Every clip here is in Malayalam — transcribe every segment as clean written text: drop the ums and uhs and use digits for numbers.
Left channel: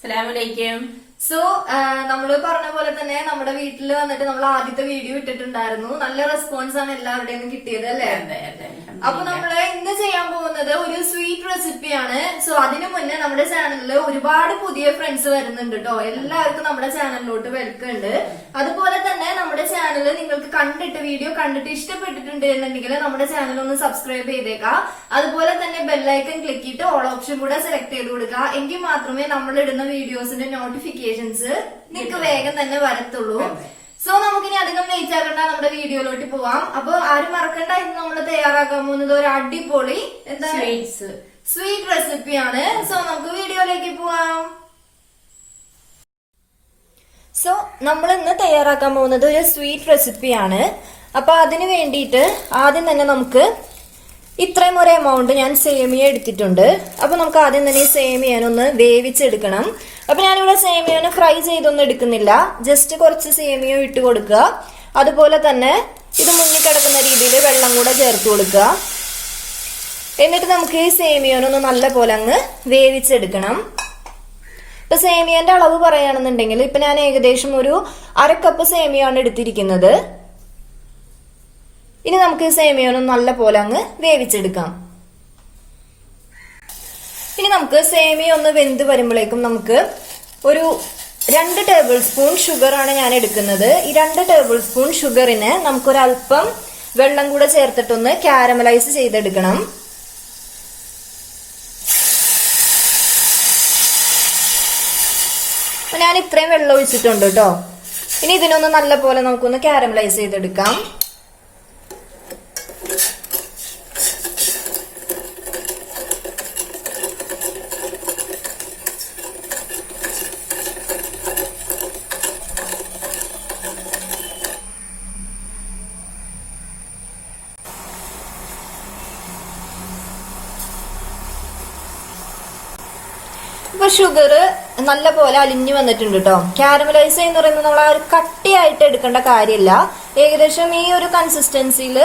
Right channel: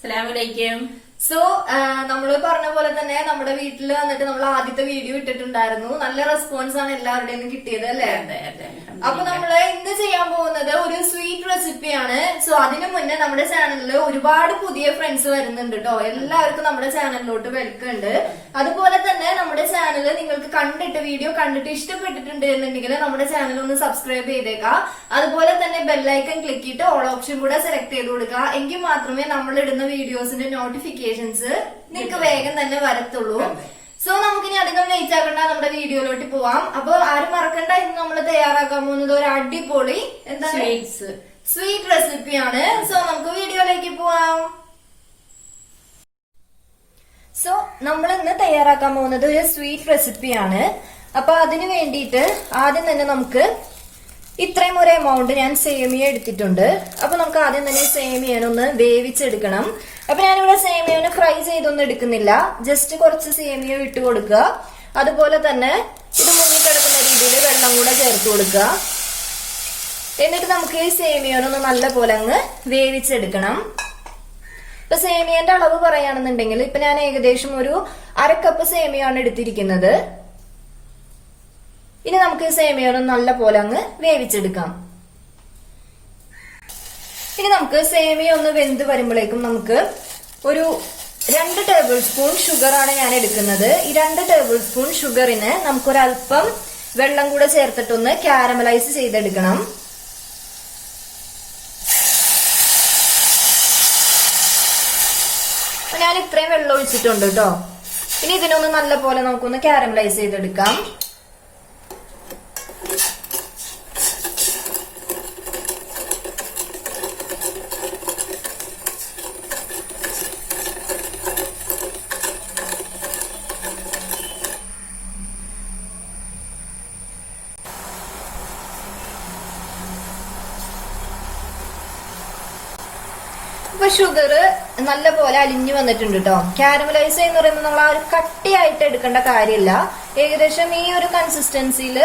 അസ്സലാമലൈക്കും. സോ നമ്മള് പറഞ്ഞ പോലെ തന്നെ നമ്മുടെ വീട്ടിൽ വന്നിട്ട് നമ്മൾ ആദ്യത്തെ വീഡിയോ ഇട്ടിട്ടുണ്ടായിരുന്നു. നല്ല റെസ്പോൺസ് ആണ് എല്ലാവരുടെയും കിട്ടിയത് അല്ലേ? അപ്പൊ നമ്മള് ഇന്ന് ചെയ്യാൻ പോകുന്നത് ഒരു സ്വീറ്റ് റെസിപ്പിയാണ്. സോ അതിനു മുന്നേ നമ്മുടെ ചാനലിൽ ഒരുപാട് പുതിയ ഫ്രണ്ട്സ് വരുന്നുണ്ട് കേട്ടോ. എല്ലാവർക്കും നമ്മുടെ ചാനലിലോട്ട് വെൽക്കം ഉണ്ട്. അതുപോലെ തന്നെ നമ്മുടെ ചാനൽ നിങ്ങൾക്ക് വീഡിയോ കണ്ടിട്ട് ഇഷ്ടപ്പെട്ടിട്ടുണ്ട് എന്നുണ്ടെങ്കിൽ നമ്മുടെ ചാനൽ ഒന്ന് സബ്സ്ക്രൈബ് ചെയ്തേക്കാം. അതുപോലെ തന്നെ ബെല്ലൈക്കൺ ക്ലിക്ക് ചെയ്തിട്ട് ഓൾ ഓപ്ഷൻ കൂടെ സെലക്ട് ചെയ്ത് കൊടുക്കുക. എങ്കിൽ മാത്രമേ നമ്മൾ ഇടുന്ന വീഡിയോസിന്റെ നോട്ടിഫിക്കേഷൻസ് നിങ്ങൾക്ക് വേഗം തന്നെ വരത്തുള്ളൂ. സോ നമുക്കിനി അധികം ലേറ്റ് ആക്കണ്ട, നമ്മുടെ വീഡിയോയിലോട്ട് പോവാം. അപ്പൊ ആരും മറക്കണ്ട, ഇന്ന് നമ്മൾ തയ്യാറാക്കാൻ പോകുന്നത് ഒരു അടിപൊളി സ്വീറ്റ് റെസിപ്പിയാണ്. സോ നമുക്ക് വീഡിയോയിലേക്ക് പോവാം. സോ നമ്മൾ ഇന്ന് തയ്യാറാക്കാൻ പോകുന്നത് ഒരു സ്വീറ്റ് റെസിപ്പിയാണ്. അപ്പൊ അതിന് വേണ്ടിയിട്ട് ആദ്യം തന്നെ നമുക്ക് ഇത്രയും ഒരു എമൗണ്ട് ഞാൻ സേമിയ എടുത്തിട്ടുണ്ട്. അപ്പൊ നമുക്ക് ആദ്യം തന്നെ സേമിയനൊന്ന് വേവിച്ചെടുക്കണം. അപ്പൊ ഞാനിവിടെ സേമിയനെ ഫ്രൈ ചെയ്തൊന്നും എടുക്കുന്നില്ല, ജസ്റ്റ് കുറച്ച് സേമിയ ഇട്ട് കൊടുക്കുക. അതുപോലെ തന്നെ ഇത് മുങ്ങിക്കിടക്കുന്ന രീതിയിൽ വെള്ളം കൂടെ ചേർത്ത് കൊടുക്കുക. എന്നിട്ട് നമുക്ക് ഈ സേമിയനൊന്ന് നല്ല പോലെ അങ്ങ് വേവിച്ചെടുക്കണം. ഇപ്പൊ സേമിയന്റെ അളവ് പറയുകയാണെന്നുണ്ടെങ്കിൽ ഇപ്പൊ ഞാൻ ഏകദേശം ഒരു 1/2 കപ്പ് സേമിയാണ് എടുത്തിരിക്കുന്നത്. ഇനി നമുക്ക് ഈ സേമിയനും നല്ല പോലെ അങ്ങ് വേവിച്ചെടുക്കാം. ഇനി നമുക്ക് സേമിയ ഒന്ന് വെന്ത് വരുമ്പോഴേക്കും നമുക്ക് ഒരു 2 ടേബിൾ സ്പൂൺ ഷുഗർ ആണ് ഞാൻ എടുക്കുന്നത്. ഈ 2 ടേബിൾ സ്പൂൺ ഷുഗറിന് നമുക്കൊരല്പം വെള്ളം കൂടെ ചേർത്തിട്ടൊന്ന് കാരമലൈസ് ചെയ്തെടുക്കണം. ഞാൻ ഇത്രയും വെള്ളം ഒഴിച്ചിട്ടുണ്ട് കേട്ടോ. ഇനി ഇതിനൊന്ന് നല്ല പോലെ നമുക്കൊന്ന് കാരമലൈസ് ചെയ്തെടുക്കാം. ഇപ്പൊ ഷുഗർ നല്ല പോലെ അലിഞ്ഞു വന്നിട്ടുണ്ട് കേട്ടോ. കാരമലൈസ് എന്ന് പറയുന്നത് നമ്മൾ ആ ഒരു കട്ടിയായിട്ട് എടുക്കേണ്ട കാര്യമില്ല. ഏകദേശം ഈ ഒരു കൺസിസ്റ്റൻസിയിൽ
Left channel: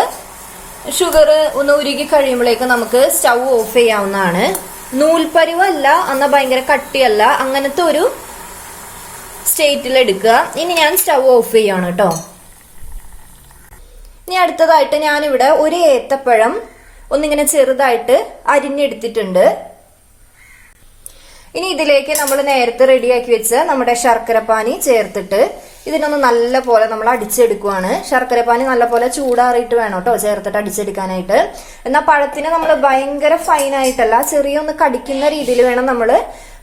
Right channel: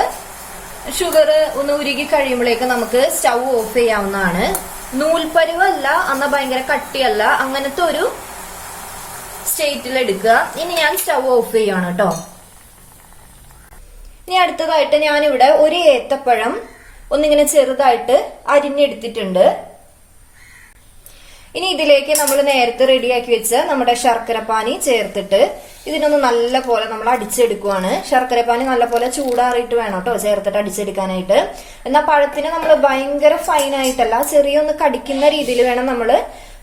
ഷുഗർ ഒന്ന് ഉരുകി കഴിയുമ്പോഴേക്ക് നമുക്ക് സ്റ്റൗ ഓഫ് ചെയ്യാവുന്നതാണ്. നൂൽപ്പരുവല്ല, എന്നാൽ ഭയങ്കര കട്ടിയല്ല, അങ്ങനത്തെ ഒരു സ്റ്റേറ്റിൽ എടുക്കുക. ഇനി ഞാൻ സ്റ്റൗ ഓഫ് ചെയ്യാണ് കേട്ടോ. ഇനി അടുത്തതായിട്ട് ഞാനിവിടെ ഒരു ഏത്തപ്പഴം ഒന്നിങ്ങനെ ചെറുതായിട്ട് അരിഞ്ഞെടുത്തിട്ടുണ്ട്. ഇനി ഇതിലേക്ക് നമ്മൾ നേരത്തെ റെഡിയാക്കി വെച്ച നമ്മുടെ ശർക്കരപ്പാനി ചേർത്തിട്ട് ഇതിനൊന്ന് നല്ല പോലെ നമ്മൾ അടിച്ചെടുക്കുവാണ്. ശർക്കരപ്പാനി നല്ല പോലെ ചൂടാറിയിട്ട് വേണം കേട്ടോ ചേർത്തിട്ട് അടിച്ചെടുക്കാനായിട്ട്. എന്നാൽ പഴത്തിന് നമ്മൾ ഭയങ്കര ഫൈനായിട്ടല്ല, ചെറിയൊന്ന് കടിക്കുന്ന രീതിയിൽ വേണം നമ്മൾ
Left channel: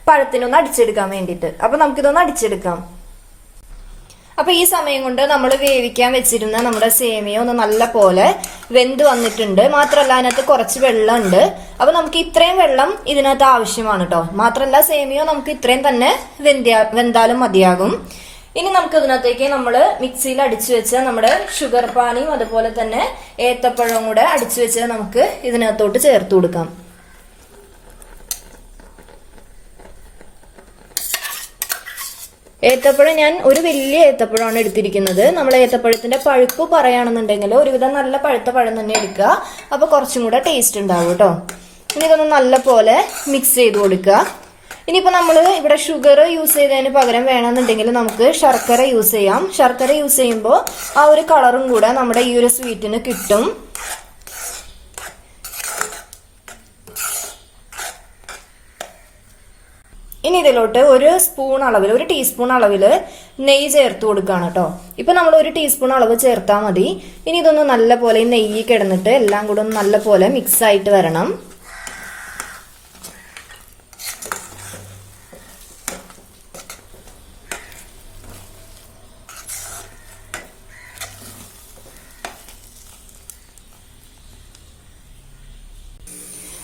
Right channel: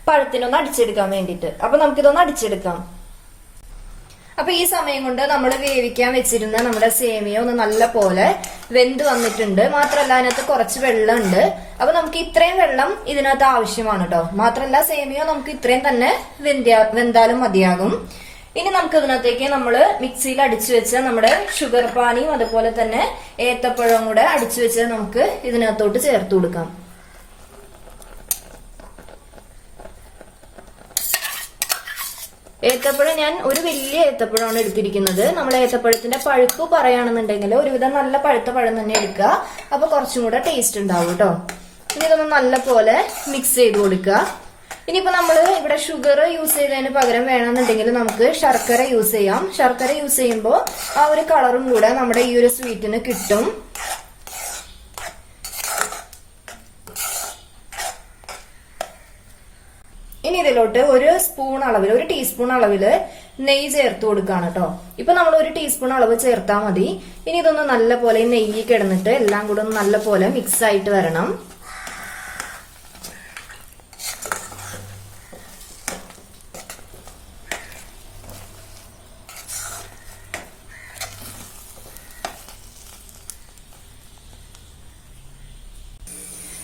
പഴത്തിനൊന്ന് അടിച്ചെടുക്കാൻ വേണ്ടിയിട്ട്. അപ്പൊ നമുക്കിതൊന്ന് അടിച്ചെടുക്കാം. അപ്പൊ ഈ സമയം കൊണ്ട് നമ്മൾ വേവിക്കാൻ വെച്ചിരുന്ന നമ്മുടെ സേമിയ ഒന്ന് നല്ല പോലെ വെന്ത് വന്നിട്ടുണ്ട്. മാത്രമല്ല അതിനകത്ത് കുറച്ച് വെള്ളമുണ്ട്. അപ്പൊ നമുക്ക് ഇത്രയും വെള്ളം ഇതിനകത്ത് ആവശ്യമാണ് കേട്ടോ. മാത്രമല്ല സേമിയ നമുക്ക് ഇത്രയും തന്നെ വെന്താലും മതിയാകും. ഇനി നമുക്ക് ഇതിനകത്തേക്ക് നമ്മൾ മിക്സിയിൽ അടിച്ചു വെച്ച നമ്മുടെ ഷുഗർ പാനിയും അതുപോലെ തന്നെ ഏത്തപ്പഴവും കൂടെ അടിച്ചു വെച്ച് നമുക്ക് ഇതിനകത്തോട്ട് ചേർത്ത് കൊടുക്കാം. ഏത്തപ്പഴം ഞാൻ ഒരു വലിയ ഏത്തപ്പഴമാണ് എടുത്തിരിക്കുന്നത്. നമ്മൾ ഏത്തപ്പഴത്തിന്റെ പഴുപ്പ് പറയുകയാണെന്നുണ്ടെങ്കിൽ ഒരുവിധം നല്ല പഴുത്ത പഴം തന്നെ എടുക്കുക. അപ്പൊ കുറച്ചും കൂടെ ടേസ്റ്റ് ഉണ്ടാവും കേട്ടോ. ഇനി ഇതൊന്ന് നല്ല പോലെ മിക്സ് ചെയ്ത് കൊടുക്കുക. ഇനിയിപ്പോ നമ്മൾ ഇവിടെ ഷുഗർ യൂസ് ചെയ്തതിന് പകരം വേണമെന്നുണ്ടെങ്കിൽ നമുക്ക് ശർക്കര യൂസ് ചെയ്യാം. ശർക്കര യൂസ് ചെയ്യുമ്പോൾ ആ ഒരു കളറും കൂടെ നമ്മുടെ ഈ ഒരു സ്വീറ്റിന് കിട്ടും. ഇനി ഇതിലോട്ട് ഒരു ടീസ്പൂൺ അളവിൽ നെയ്യ് ചേർത്ത് കൊടുക്കുകയാണ് കേട്ടോ. ഇപ്പൊ നമ്മൾ 1 ടീസ്പൂൺ അളവ് ചേർത്താൽ മതി. ഇനി ഇതൊന്ന് നല്ല പോലെ നെയ്യ് കിടന്നിട്ട് എല്ലാം കൂടെ ഒന്ന് നല്ല പോലെ മിക്സ് ആയിട്ട് വരണം.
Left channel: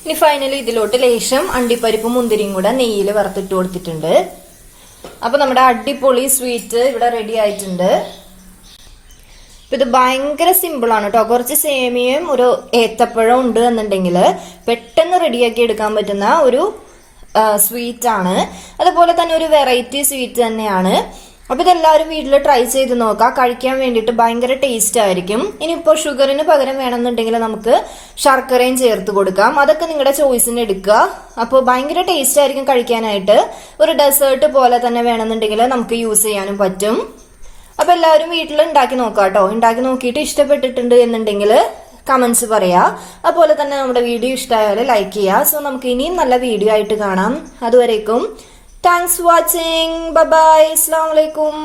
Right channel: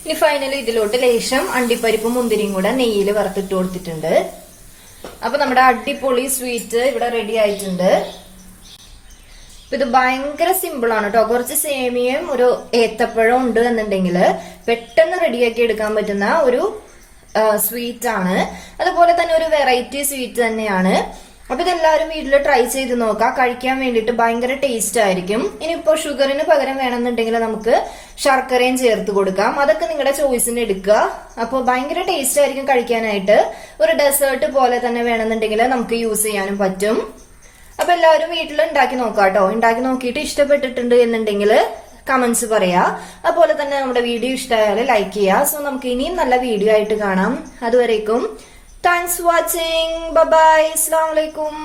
ഇനി ഫൈനലി ഇതിലോട്ട് ലേശം അണ്ടിപ്പരിപ്പും മുന്തിരിയും കൂടെ നെയ്യിൽ വറുത്തിട്ട് കൊടുത്തിട്ടുണ്ട്. അപ്പൊ നമ്മുടെ അടിപൊളി സ്വീറ്റ് ഇവിടെ റെഡി ആയിട്ടുണ്ട്. ഇത് ഭയങ്കര സിമ്പിൾ ആണ് കേട്ടോ. കുറച്ച് സേമിയയും ഒരു ഏത്തപ്പഴം ഉണ്ട് എന്നുണ്ടെങ്കിൽ പെട്ടെന്ന് റെഡിയാക്കി എടുക്കാൻ പറ്റുന്ന ഒരു സ്വീറ്റ് ആണ്. അതുപോലെ തന്നെ ഒരു വെറൈറ്റി സ്വീറ്റ് തന്നെയാണ്. അപ്പൊ ഇതെല്ലാവരും വീട്ടിൽ ട്രൈ ചെയ്ത് നോക്കാം. കഴിക്കാൻ വേണ്ടിയിട്ട് ഭയങ്കര ടേസ്റ്റ് ആയിരിക്കും. ഇനിയിപ്പോ ഷുഗറിന് പകരം വേണമെന്നുണ്ടെങ്കിൽ നമുക്ക് ശർക്കരയും ചേർത്ത് കൊടുക്കാം. അതൊക്കെ നിങ്ങളുടെ ചോയ്സിന് എടുക്കുക. അപ്പോൾ ഭയങ്കര ടേസ്റ്റ് ആയിരിക്കും കഴിക്കാനായിട്ട്. ഒരു ഡെസേർട്ട് പോലെ തന്നെ വേണമെന്നുണ്ടെങ്കിൽ നമുക്ക് യൂസ് ചെയ്യാനും പറ്റും. അപ്പൊ എല്ലാവരും വീട്ടിൽ ഉണ്ടാക്കി നോക്കാം കേട്ടോ. ഉണ്ടാക്കി നോക്കിയിട്ട് ഇഷ്ടപ്പെട്ടിട്ടുണ്ട് എന്നുണ്ടെങ്കിൽ കമന്റ്സ് പറയാ. അതുപോലെ തന്നെ നമ്മുടെ വീഡിയോ ഇഷ്ടമായാൽ ലൈക്ക് ചെയ്യുക. സോ നമുക്ക് ഇനിയും നല്ല വീഡിയോ ആയിട്ട് കാണാം. അതുവരേക്കും താങ്ക്സ് വാച്ചിങ്. Bye bye. അസ്സലാമു അലൈക്കും.